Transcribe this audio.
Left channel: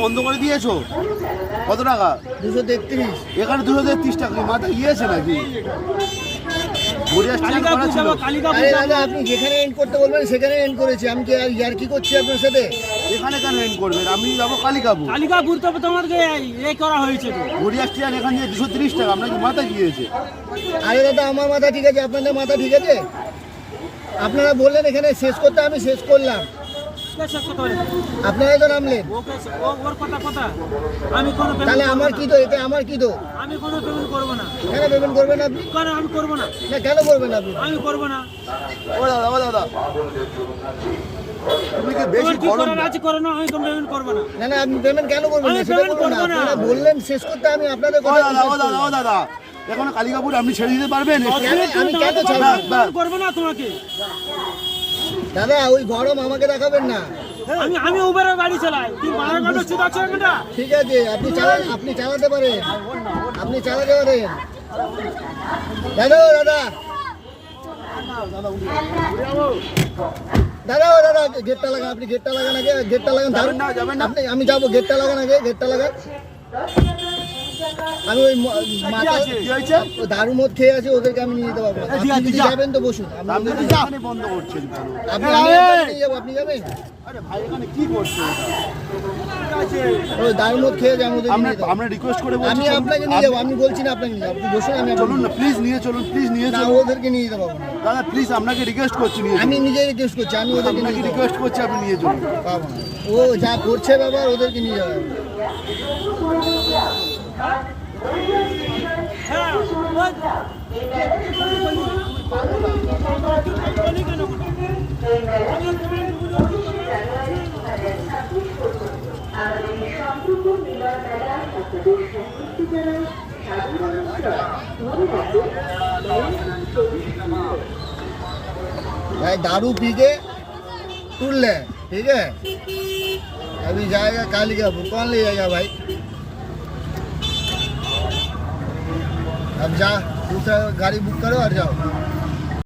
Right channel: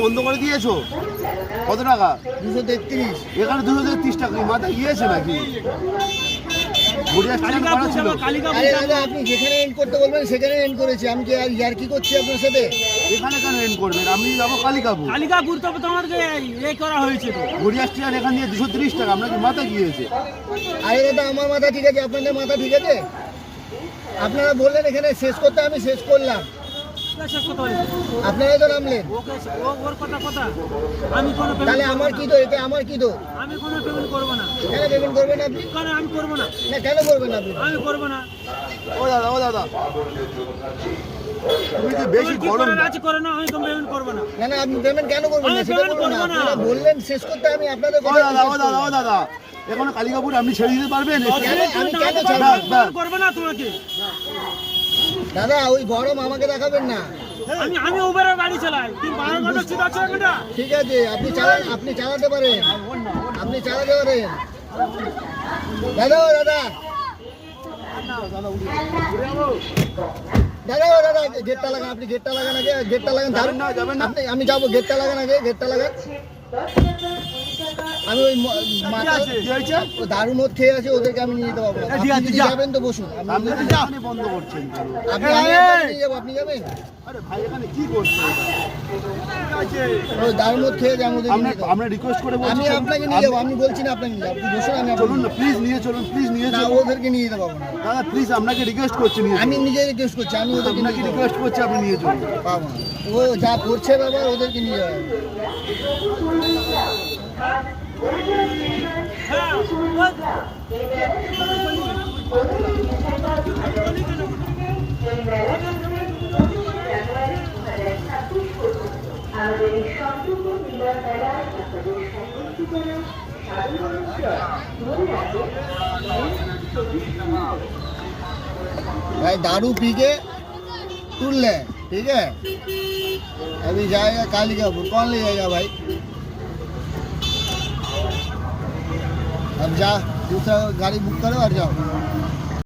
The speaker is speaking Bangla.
বন্ধ করে দিয়েছো? কত টাকা? 233। এখানে 233 টাকা মাথা গিয়েছে নাকি? আরে দাদা, আপনি যেখানে এন্ড করতে বলবেন সেখানে এন্ড করেছি। আমি কি আর ইয়ার কি করছি আপনার সাথে? এখানে কেন এন্ড করবেন? আমি যাবো কালিকাপুর। কালিকাপুর তো তোমাকে এই করা হয়েছে তো। গড়িয়া স্টেশন এখান দিয়ে 230 টাকা। আপনাকে মাথা গিয়েছে? আরে দাদা, আমার মাথা ঠিক আছে, আপনাদের মাথা ঠিক আছে? আপনারা বললেন এখানে শেষ করতে, আমি শেষ করলাম। আপনারাই তো নামলেন, তাহলে আমার কি তো? এটা আমার কি তো? আমি কোনো পেমেন্ট করব না। কেন পেমেন্ট করবেন আপনি? কারণ আমি করব না। না, কেন করবেন আপনি? আমি করব না। ও দাদা তুমি কি বেশি কি গরম করার আছে করে না, আমি পেমেন্ট করব না। না না, আপনি পেমেন্ট কেন করবেন না সেটা বলুন না। আপনারা বললেন শেষ করতে, আমি আপনাদের কথা বিশ্বাস করলাম। দাদা এখন কালিকাপুর আপনি ছেড়ে দিতে পারবেন? আমি কেন ছাড়বো? করব না তোমাকে। দাদা, ওই গরম আমাকে দেখাবেন না। আমি উবেরের গাড়ি চালাই। তুই মারা গাড়ি ঠিক আছে এটা? ঠিক আছে, আপনি চালাতে পারেন, আপনি চালাতে পারেন। দাদা দাদা গেটটা লাগান, আপনি গেটটা লাগান আগে, গেটটা লাগান। আপনি আমি যাবো, গেটটা লাগান আগে, গেটটা লাগান। আমি ওই মাথা দারু মদ খেয়ে আছে, ওদেরকে আমি নিয়ে যেতে পারবো না। আপনি যদি যাবেন তো বসুন। বন্ধ করছেন আমি নিয়ে যাবো, আপনি যাবেন? আরে ভাই এখানে কি করছেন? ওই দারু মদ খেয়ে যাবো, ওদেরকে নিয়ে যেতে পারবো। আমরা রিকোয়েস্ট করে বলছি, আমি আপনাকে নিয়ে যাবো, আমি বলছি না আপনাকে নিয়ে যাবো। আপনি বসুন, আমি চলুন না প্লিজ, নিয়ে চলুন প্লিজ, নিয়ে না, চলুন। ওদেরকে নিয়ে যেতে পারবো না দাদা প্লিজ আপনাকে রিকোয়েস্ট করছি, নিয়ে আমি চলুন। নিজে রিকোয়েস্ট করছি, আমি ওদেরকে আপনাকে নিয়ে যেতে রিকোয়েস্ট করছি, আপনি নিয়ে চলুন। পারবো না। ও যা করছে ব্যাপার, ওদেরকে নিয়ে যাবে। भाई दारू पी के टूट ले, ठीक है? अभी जाएगा कालिकापुर, कौन ले जाएगा भाई? अब जा, दूसरा गाड़ी बुक करो और जाओ।